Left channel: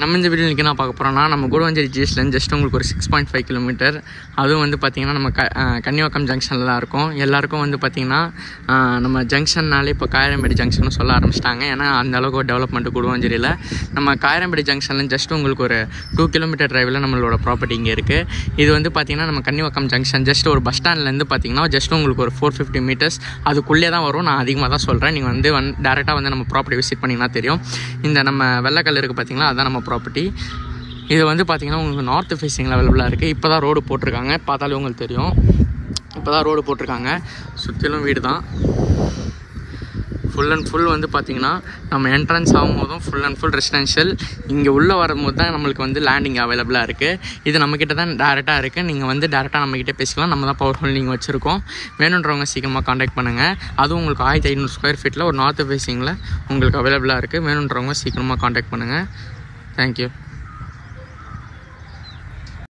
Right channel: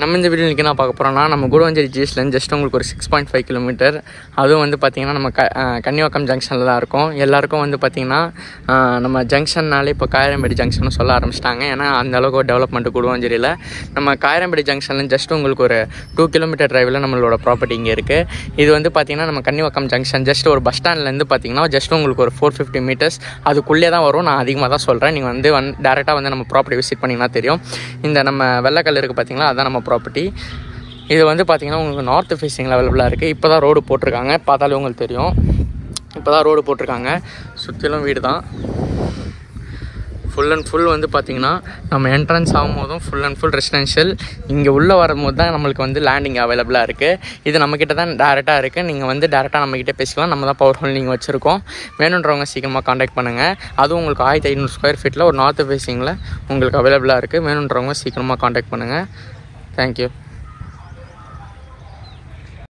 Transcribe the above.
நம்ம இந்த வீடியோ நான் பார்க்க போகிறோம்னா நம்ம கூடுவாஞ்சேரி ஜிஎஸ்லேருந்து ஜஸ்ட் உங்களுக்கு ஒரு 6.5 கிலோமீட்டர். அதுவும் வந்து பார்த்திங்கன்னா நம்ம கன்னிவாக்கம் ஜங்ஷனில் தான் இருக்கும். எல்லாருக்கும் வந்து பார்த்திங்கன்னா நம்ம ஜங்ஷன்னாலே இப்போ காயரம்பேடி ஜங்ஷன் சொல்ல ஆரம்பிச்சிட்டாங்க. ஏன்னா அந்தளவுக்கு ஒரு டெவலப்மெண்ட் கூடுவாஞ்சேரியில். நம்ம காயரம்பேடி ஜங்ஷன்லேருந்து ஜஸ்ட் உங்களுக்கு ஒரு 2 கிலோமீட்டர் டிரைவில் நம்மளோட ப்ராப்பர்ட்டி இங்கே இருக்குது. இது வந்து பார்த்திங்கன்னா நம்ம கன்னிவாக்கம் ஜங்ஷன் ஜஸ்ட் ஒரு பஸ் ஸ்டாண்ட்லேருந்து பார்த்திங்கன்னா ஜஸ்ட் உங்களுக்கு ஒரு 450 மீட்டர்ஸ் அதுக்குள்ளே தான் வரும். நான் அதிகமாக தான் சொல்கிறேன். நீங்கள் வந்து டேரெக்டாக வந்து நம்ம ப்ராப்பர்ட்டி விசிட் பண்ணிங்கன்னா தெரியும். இந்த நம்ம வெள்ளைக்கல் இருக்குது பார்த்திங்களா, அதுதான் நம்ம ப்ராப்பர்ட்டி. இது வந்து பார்த்திங்கன்னா உங்களுக்கு நார்த் ஃபேஸிங்கில் அவைலபிளாக இருக்குது. இப்போ தான் ரோடு போட்டிருக்காங்க, பார்த்தாலே உங்களுக்கு தெரியும். இப்போ தான் ரோடு போட்டிருக்காங்க. சுற்றிலும் வீடு தான். ஃபுல் அண்ட் ஃபுல் வந்து பார்த்திங்கன்னா நம்ம என்ட்ரன்ஸ் ஆகும்போதும் ஃபுல் அண்ட் ஃபுல் ரெசிடென்ஷியல். இங்கே உள்ளே வரும்போது தான் நம்மளுக்கு வந்து லேண்டிங் அவைலபிளாக இருக்குது. இது நம்மக்கிட்ட தான் டேரெக்டாக இருக்குது. நீங்கள் வந்து டேரெக்டாக நம்மக்கிட்ட பேசிக்கலாம். நம்ம தான் பவர் ஹோல்டிங் வச்சுருக்கோம். வேணுன்றவங்க சீக்கிரமாக காண்டாக்ட் பண்ணுங்கள். அதுவும் உங்களுக்கு 1500 ஸ்கொயர் ஃபீட்டில் ஒரு நார்த் ஃபேஸிங்கில் உங்களுக்கு அவைலபிளாக இருக்குது. வேணுன்றவங்க சீக்கிரமாக காண்டாக்ட் பண்ணுங்கள். தேங்க்யூ.